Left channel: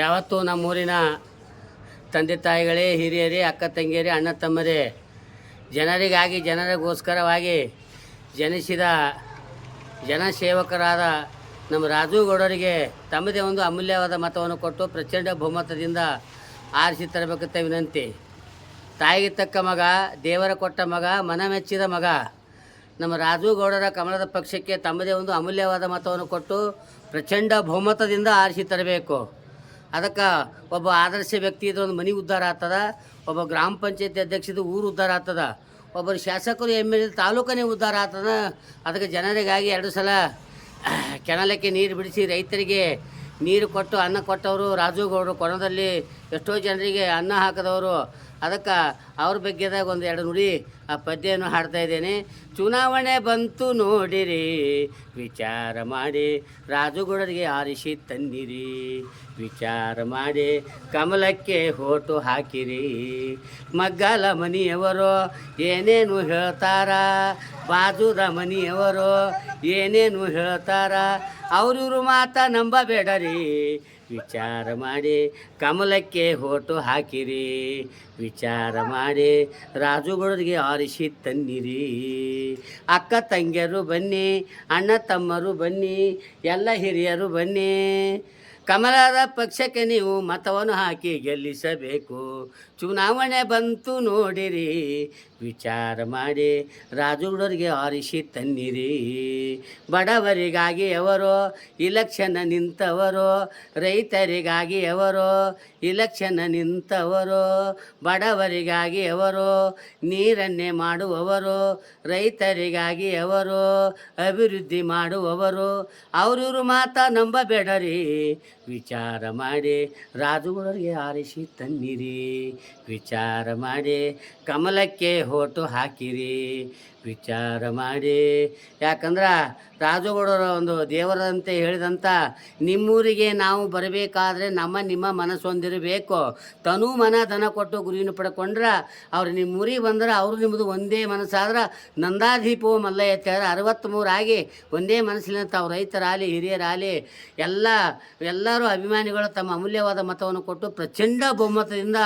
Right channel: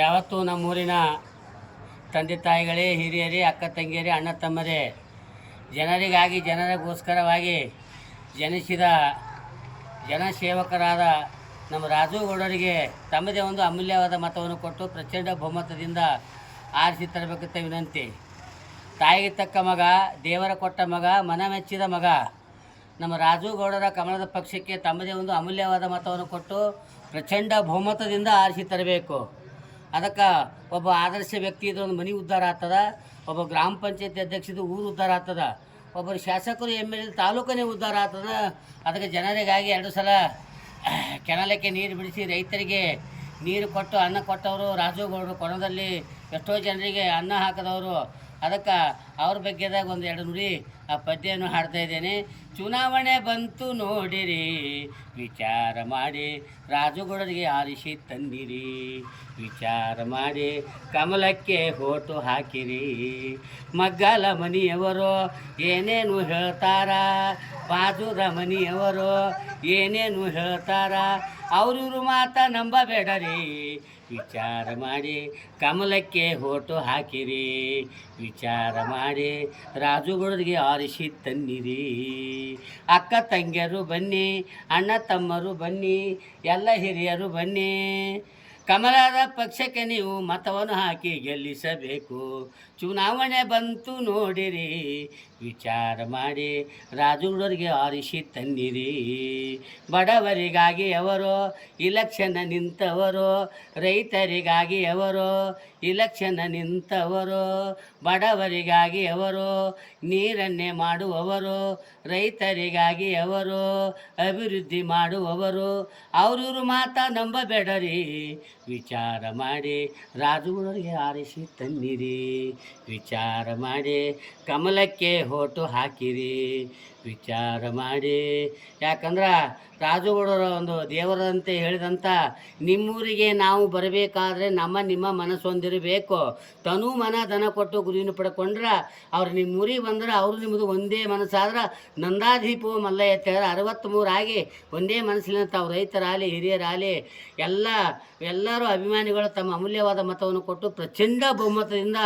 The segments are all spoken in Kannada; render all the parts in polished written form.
ಯಾವತ್ತೂ ನಮ್ಮೂರಿನ ತಂದೆ ತಾಯಿಗಳೇ, ಹಿರಿಯರೇ, ಅಕ್ಕ ತಂಗಿಯರೇ, ಅಣ್ಣ ತಮ್ಮರೇ, ಜನರಿಗಾಗಿ ಜನರಿಗೋಸ್ಕರವಾಗಿ ಜನಿಸಿದ ಜನಸೇವಕರಾದ ನಮ್ಮ ರಾಜುಗೌಡರಿಗೆ ತಮ್ಮದೇ ಒಂದು ಅಮೂಲ್ಯವಾದ ಮತವನ್ನು ಕೊಟ್ಟು ಪ್ರಚಂಡ ಬಹುಮತದಿಂದ ಆರಿಸಿ ತರಬೇಕಂತ ವಿನಂತಿ. ತಾಯಿಗೆ ತಕ್ಕ ಮಗ, ದೇವರ ಕೊಟ್ಟ ಮಗ, ಮನಮೆಚ್ಚಿದ ಮಗ ನಮ್ಮ ರಾಜುಗೌಡರ ಕಮಲದ ಪಕ್ಷಕ್ಕೆ ತಮ್ಮದೇ ಒಂದು ಅಮೂಲ್ಯವಾದ ಮತವನ್ನು ಕೊಟ್ಟು ಪ್ರಚಂಡ ಬಹುಮತದಿಂದ ಆರಿಸಿ ತರಬೇಕು. ಅದಕ್ಕೆ ಒಬ್ಬ ಆದರ್ಶ ವ್ಯಕ್ತಿ ಇದ್ರೆ ಒಂದು ಮನೆ ಉದ್ಧಾರ ಆಗ್ತದ, ಒಬ್ಬ ಗ್ರಾಮ ಪಂಚಾಯತಿ ಅಧ್ಯಕ್ಷದ ಊರು ಉದ್ಧಾರ ಆಗ್ತದ, ಒಬ್ಬರು ಶಾಸಕರು MLA ತಾಲೂಕನೇ ಉದ್ಧಾರ ಆಗ್ತದ. ಅದಕ್ಕೆ ಜನರಿಗಾಗಿ 2 ಸಲ ಕೆನಾಲಕ್ಕೆ ನೀರು ಬಿಡಿಸಿ ರೈತರಿಗೆ ನೀರು ಕೊಟ್ಟು ಅನ್ನ ಕೊಟ್ಟವರು ರಾಜುಗೌಡರು. ಕೊನೆಯಲ್ಲಿ ಎಷ್ಟೋ ಜನರಿಗೆ ಅನ್ನ ಹಾಕಿದವರು. ಅದಕ್ಕೆ ಅವ್ರ ಬಗ್ಗೆದಾಗ ಒಂದು 2 ನುಡಿ ಆ ಪದ್ಯವನ್ನು ಹಾಡ್ತಾ ಇದ್ದೇನೆ. ಚುನಾವಣೆ ಬಂತು ನೋಡಿರಿ, ವಿಚಾರ ಮಾಡಿ ರಾಜುಗೌಡರಿಗೆ ಆರಿಸಿ ತಂದಿರಿ. ವಿಚಾರ ಮಾಡಿ ಕಮಲಕ್ಕೆ ಹೋಟು ಹಾಕಿರಿ. ಮಗ್ಗಲ ಮನಿಯವರು ಏನೇನು ಹೇಳ್ತಾರ, ಬಾಜುದ ಮನಿಯವರು ಏನೇನು ಹೇಳ್ತಾರ, ಅವ್ರವ್ರ ಮಾತ ನಂಬಬೇಡರಿ. ವಿಚಾರ ಮಾಡಿ ಕಮಲಕ್ಕೆ ಹೋಟು ಹಾಕಿರಿ. ವಿಚಾರ ಮಾಡಿ ರಾಜುಗೌಡರಿಗೆ ಆರಿಸಿ ತನ್ನಿರಿ. ಅಕ್ಕ ತಂಗಿಯರು ಬನ್ನಿ, ಅಣ್ಣ ತಮ್ಮರು ಬನ್ನಿ, ಎಲ್ಲ ಹಿರಿಯರು ಬನ್ನಿ. ಕಮಲದ ಪಕ್ಷಕ್ಕೆ ನೀವು ಮತವನ್ನು ಹಾಕಿ ಗೆಲ್ಲಿಸಬೇಕು. ಚುನಾವಣೆ ಬಂತು ನೋಡಿರಿ, ವಿಚಾರ ಮಾಡಿ ರಾಜುಗೌಡರಿಗೆ ಆರಿಸಿ ತನ್ನಿರಿ. ಬಡವರಿಗಾಗಿ ಅವರು ಇಲೆಕ್ಷನ್ ನಿಂತವರು, ರೈತರಿಗಾಗಿ ಅವರು ಇಲೆಕ್ಷನ್ ನಿಂತವರು. ಬಡವರಿಗಾಗಿ ಅವರು ನೀರನ್ನೇ ಮಾಡುವವರು, ರೈತರಿಗಾಗಿ ಅವರು ಅಭಿವೃದ್ಧಿ ಮಾಡುವವರು. ಅವ್ರವ್ರ ಮಾತ ನಂಬಬೇಡರಿ. ವಿಚಾರ ಮಾಡಿ ರಾಜುಗೌಡರಿಗೆ ಆರಿಸಿ ತನ್ನಿರಿ. ವಿಚಾರ ಮಾಡಿ ಕಮಲಕ್ಕೆ ಹೋಟು ಹಾಕಿರಿ. ವಿಚಾರ ಮಾಡಿ. ಯಾಕಂದ್ರೆ ರಾಜುಗೌಡರ ಒಂದು ದೇವರಂತೆ ಹೇಳಿದಂಥ ನಿಮ್ಮೂರಿಗೆ ನಾವು ಬರಬೇಕಾದ್ರೆ ನಿಮ್ಮ ಮನಸ್ಸು ಹೊಂದಿರಬೇಕು. ತನು ಮನ ಧನ ಕೊಟ್ಟು ಗುರುವಿನ ಪಡ್ಕೊಂಡ್ರೆ ಅವ್ರು ನಿಮ್ಮೂರಿಗೆ ಬಂದ್ರೆ ಅವರು ನಿಮ್ಮದು ಒಂದೇ ಮನಸ್ಸಾದ್ರೆ ನಂದಾದೀಪವು ಮಲ್ಲ ಎತ್ತಾರೆ 63 ಆಗಿ ಒಂದೇ ಮನಸ್ಸಿನ ತಾವು ರೈತರಾಗಲಿ ಹಿರಿಯರಾಗಲಿ ಎಲ್ಲರೂ ಅಭಿಮಾನಿಗಳು ತಮ್ಮ ಅಮೂಲ್ಯವಾದ ಮತವನ್ನು ಕೊಟ್ಟು ಪ್ರಚಂಡ ಬಹುಮತದಿಂದ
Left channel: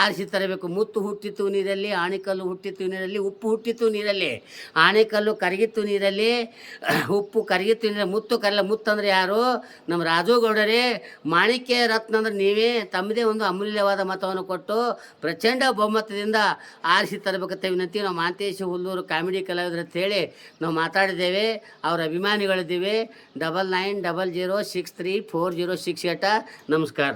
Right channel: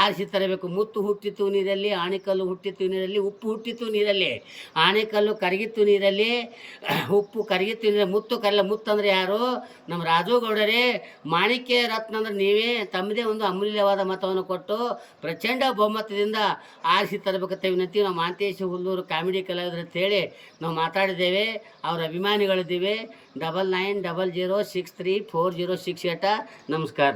ಆರಿಸಿ ತರಬೇಕು. ಮುತ್ತು ಹುಟ್ಟಿತ್ತು ನೀರಲ್ಲಿ, ಆಣೆಕಲ್ಲು ಹುಟ್ಟಿತ್ತು ನೀರಲ್ಲಿ, ಉಪ್ಪು ಹುಟ್ಟಿತ್ತು ನೀರಲ್ಲಿ. ಆಣೆಕಲ್ಲು ಕರಗಿತ್ತು ನೀರಲ್ಲಿ, ಉಪ್ಪು ಕರಗಿತ್ತು ನೀರಲ್ಲಿ. ಮುತ್ತು ಕಲ್ಲ ಮುತ್ತಂದ್ರೆ ಯಾರು? ನಮ್ಮ ರಾಜುಗೌಡರೇ. ಮಾಣಿಕ್ಯ ರತ್ನ ಅಂದ್ರೆ ನೀವೇ. ತಮ್ಮದೇ ಒಂದು ಅಮೂಲ್ಯವಾದ ಮತವನ್ನು ಕೊಟ್ಟು ಪ್ರಚಂಡ ಬಹುಮತದಿಂದ ಆರಿಸಿ ತರಬೇಕಂತ ವಿನಂತಿ. ನಾವು ಮಾಂತೇಶ ಹುಲ್ಲೂರು ಕಾಮಿಡಿ ಕಲಾವಿದರು ಅಂತೇಳಿ ನಾವು ಮಾತಾಡಿದ್ದೇವೆ. ಅವರ ಅಭಿಮಾನಿಗಳಿದ್ದೇವೆ. 9900634068. ನಮಸ್ಕಾರ.